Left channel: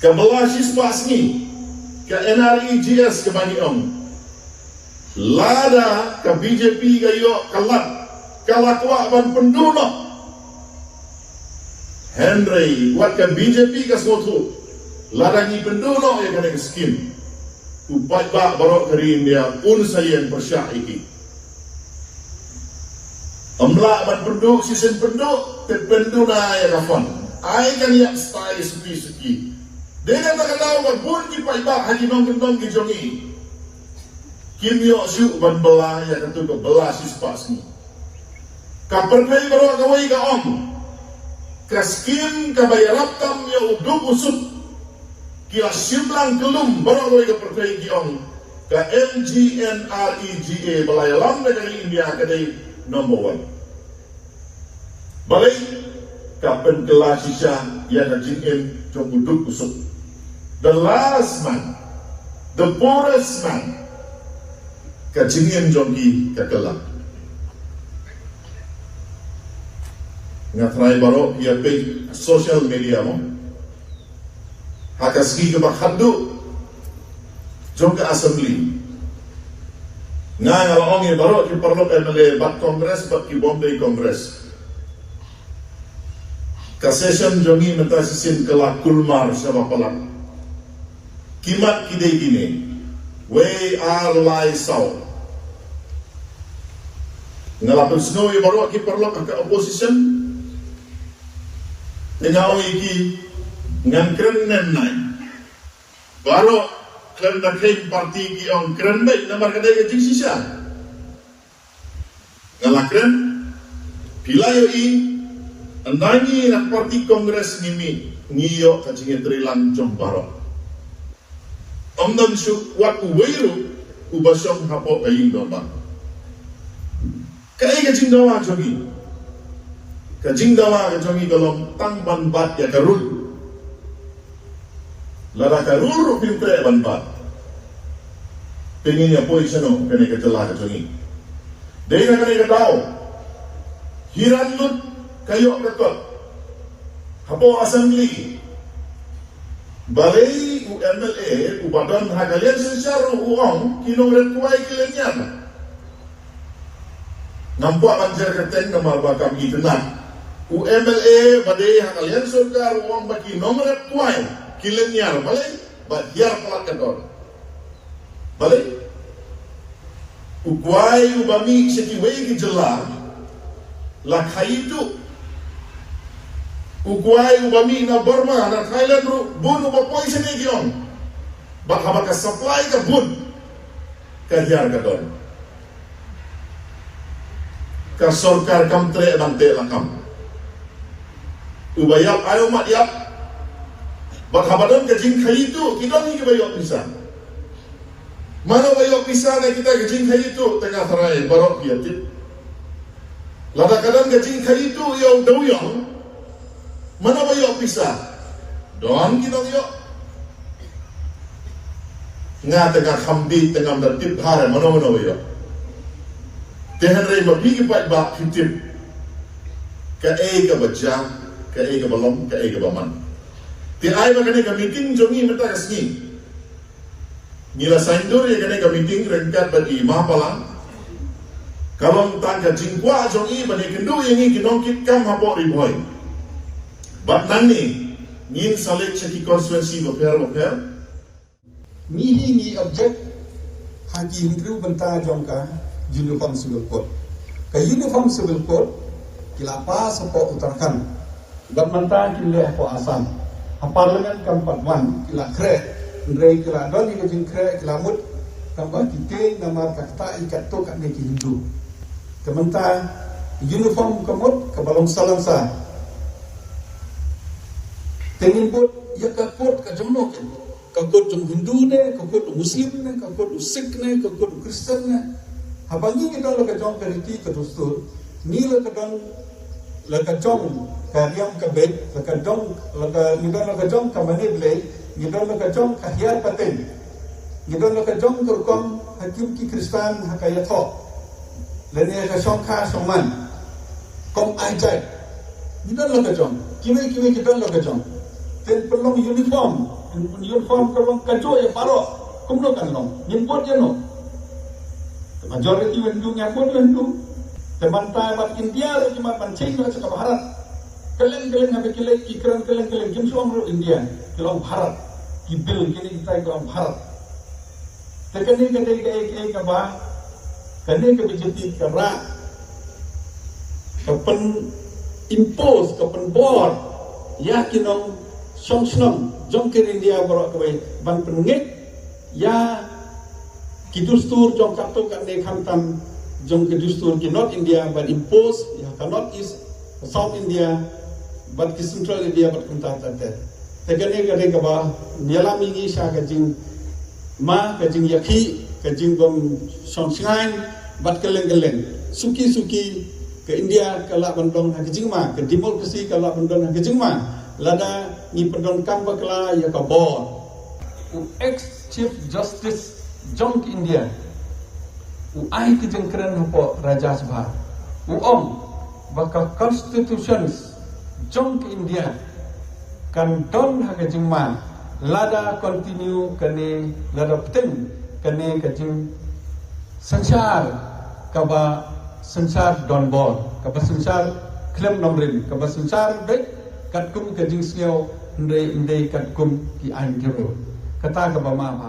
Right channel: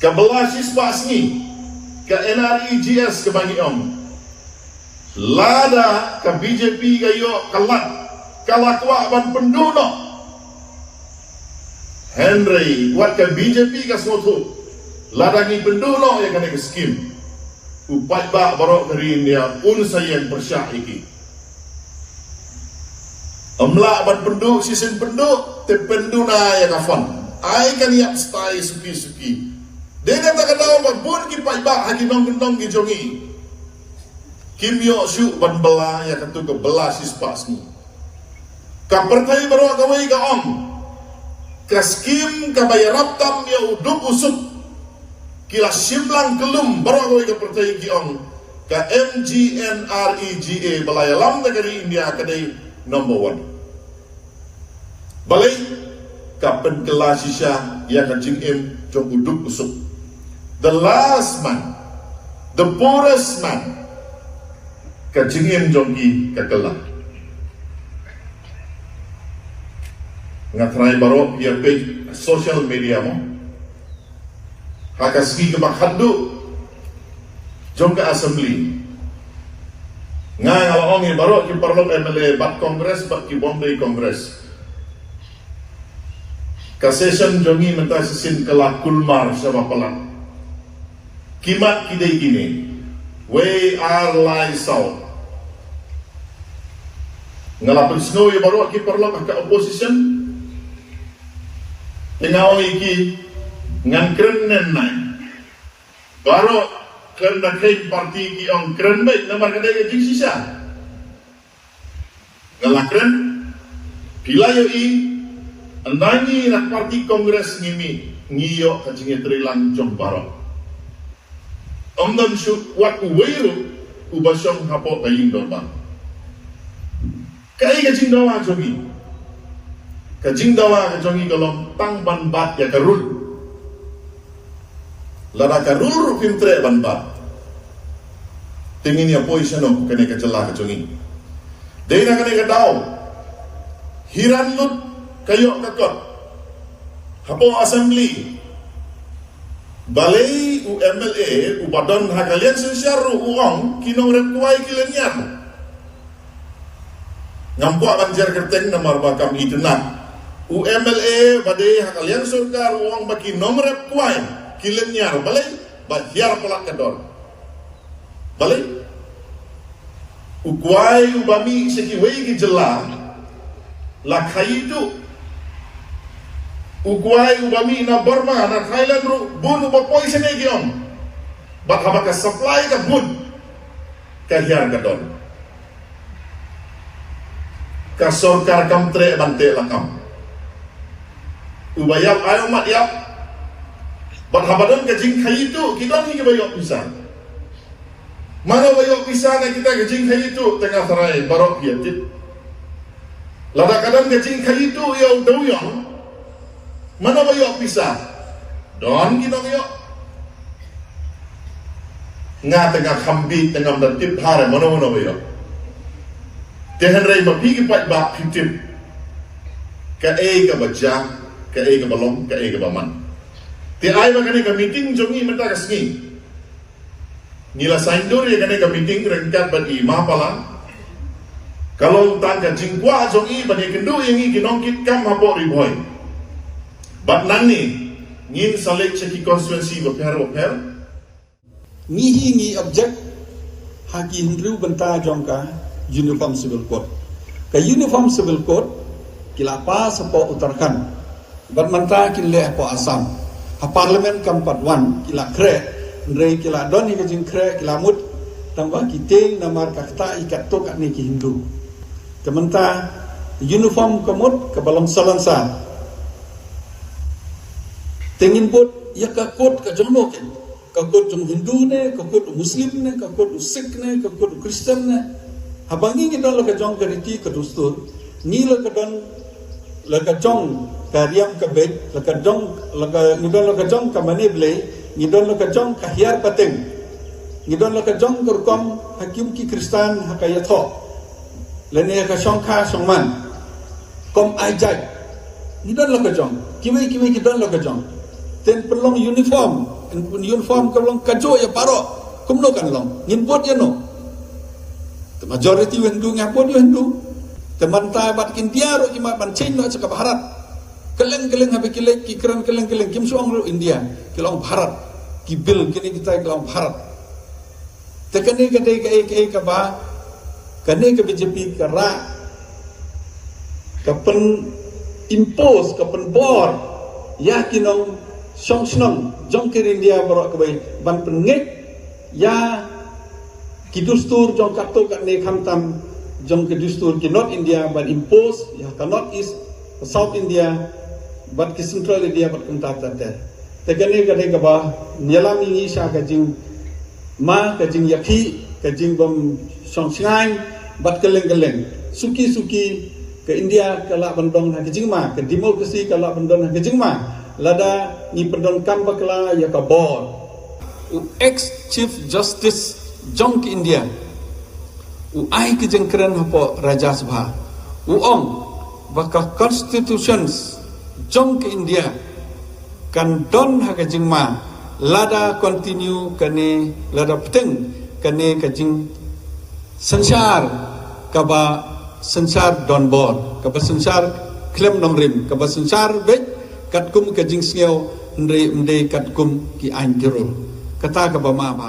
ke Belasis Basni, ke NREGS ke bagi lada ke BJP ke yo kalat kalakwa ban penduno Henry buat ke BJP ke suatu lada ni penduno yang kena ke skim upai ba barok kari India sayang persyak iki amla ban penduk sisen penduk te penduna yang kafan ai kan yak stai suki dia kata kata pun ki pai ba haji nong kentong ki jongi Kim Yo Siu ban bela ya katu ke Belasis Basni. Kapertai baru kawai ka Kaskim ka bayarap tam ya uduk usuk. Kila simlang kelum baru kawai ka pertai ki Ka MGNREGA balaya lam negeri India kadai number 1. Balai ka penkelasisya ya ka jingim jong uduk usuk. The last man, the poorest man. Kacingin jogi kekelah. Ngatrai baru ia page social media mo. Hakasgi ke bakhadu jong ke assembly. Ngalong ia baru ki parlok MLA bat kongres bat ki Bombay kongres. Ka session jongi menta sisin kelak kulmar sama pelak. Kimat kidai kini. We are lie south. Ngalapin snowy baru ki perlok ke opposition tengah iki ngan keren nai baru keren na keren parti ki keren baik nomor kadai ke jing sisa ngalakren pila yo andangi nak parti kongres ngimi ngiyo kacing trilang jong baru don su wat uweru ubasyong hapo kaying dorba Kai kajing dawa jongi galong tang ban bat ya karul lada karul pintre ban bat tingin yang poisono kene kecelah jongi dena kene kadao hiran lut kayo ketot hapo assembly balai UMLA ubadan hakalian sensyaru uang kinongret tuai kilenian Nampak anjar kerteng nama bakam idena. UMLA badai kalian surga uang bagi nomor kuai kilenya balik bahyar pelak kedor. Balik ukuai ubami sekiwei ki jelah lah itu ukuai ubami na Burma na Thailand ru bun ubapoi sene gion. Bak habaka supply ka bun kahyar kedor. Ka sorkar kamtre bante lakam ubayap ayo mat yap berhabadan kajing kai itu kita ni bayok pisah mana bayok pisah na kita kajing kai itu tengah terai barok biatit lada kadang kajing kai itu ya udawiyang mana bayok pisah don kita bayok nga tengah khambi tengah bertip hare mana bayok Tehan rai mapi ki pat ba pitip ka ka baja ka ka balong ka baman ti ai ba kene ka meeting jongi meta ka sngi nila saindur ya kene ka meeting rengkat ba di mahapala kalau tan ka jingkwa jongi ba ni kendu yangi kinongkit kam hapo riboy ba nanni ngin salik cheki constituency ba per ni object hakin ru benta jongka Uniform Civil Code. Ke Uniform Civil Code kila pa sapo Uttarakhand. Bermanta kila po Assam. Ha Parlimen kampat wan kila kre. Ndre kila doni ke jing kre kila mut tambah kitil namar kakta ikat tok ni ki Hindu. Tementa uniform kemut ke balong salansa. Tengin bot ya ka kot ka jonglo ke. Ka kot jong Hindu ne, ka kot Muslim ne, ka kot Sikh ne, ka kot Kristen ne. Habangi kita lo kejong keriti kedustur, ni lo kejong kariam kebet, lo kejong kamane blay, ni lo kejong kahiar pateng, ni lo kejong kurkom hakim ki Kristen hakayatho, lene kejong ka soman, kom ajai, ni lo kejong, kimi kita lo kejong, ten pelong uniform pelong kajo ya paro kumno kan long ngimpot ya no majority wendu ngapot wendu teman ta bat India ro kima ban Chin lo cakap Bharat keleng habe kilek kikran keleng kim suang ro India kelong Bharat kibil kini kita kelong Bharat tekani kadai ka ba kane ke BJP kara kapen impose kapen bor ya kinong song jong ke India baru ke ban pengek ya kidustur jong kapto kane khamtam jong ke dustur ki North India ban impose ya ka North East South India bat ki Central India bat kumta tate tegane kadai ka ba nyalami ni sa ka jing ma ka jing yakhi ka jing bom song singai bat keleng suki ke India kala bandong na kejing ma ke demokrasi kala bandong na kejing ma lada ni pendon kamba kala ya ka bor ex chief justice jong ke India ai ke jengkeren hapo raja sabha om baka constitutions jong ke India kan don ha kejing ma lada continue kane lada peteng kane kejing sensar kaba sensar don bor kaba sensar klem nong rim kaba sensar bet kat kum ke jing sneo nde kat kum ki an jero kata kaba ma ba